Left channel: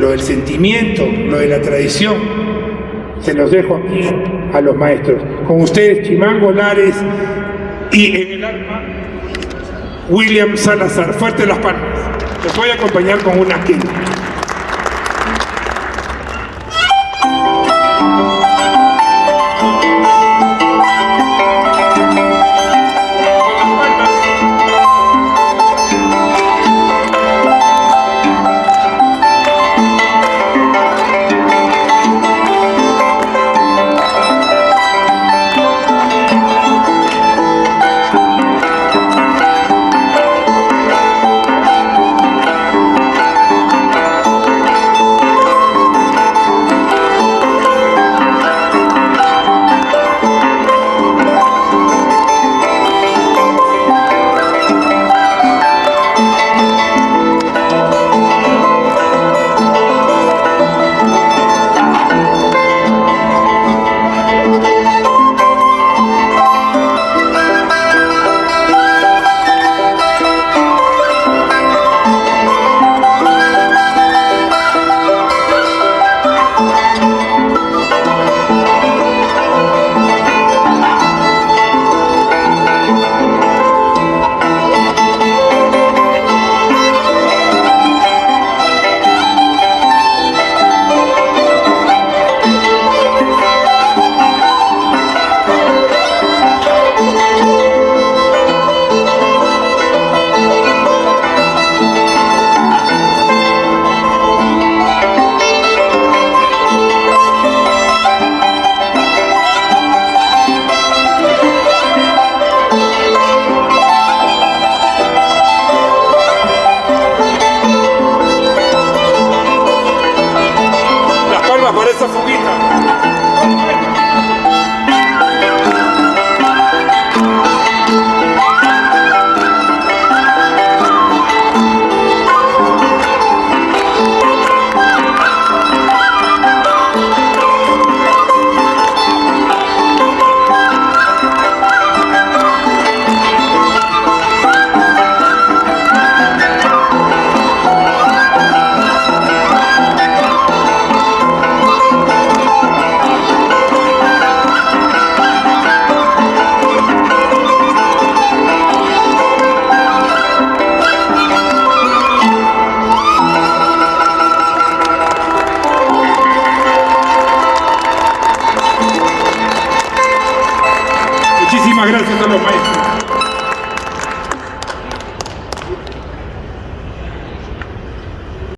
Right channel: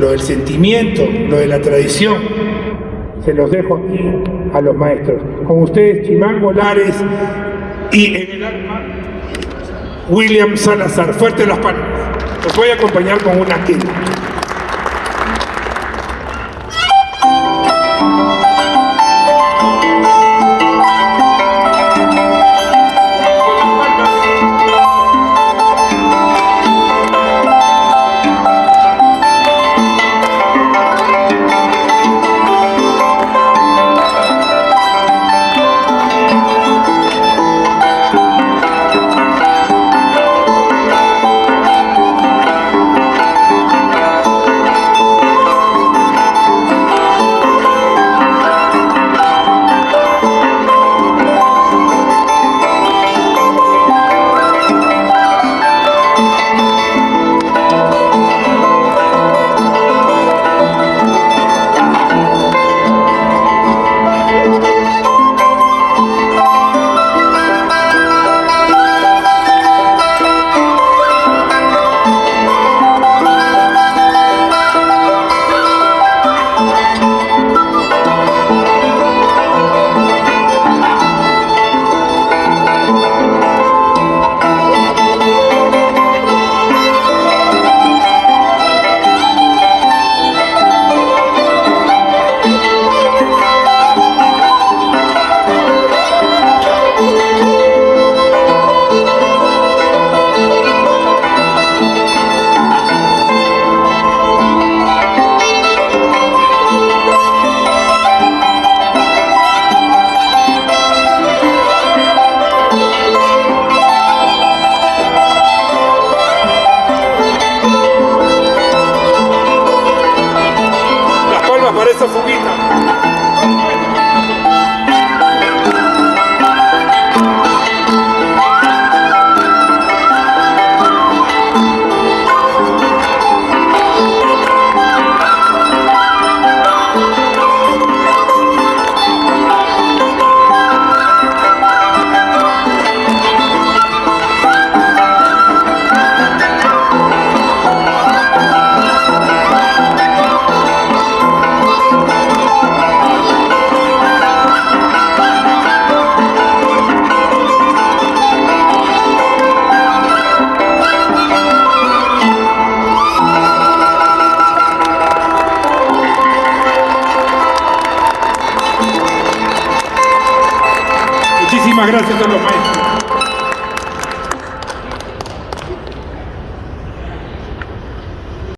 lo del sentimiento, lo de la tradición, se los dejo aquí a los maestros. Con ustedes, Chimango Lares y en el alma, William Salazar. Fuerte las palmas. Los voy a acompañar con una quena. Para esta fuguita. Muchísimas gracias a los maestros.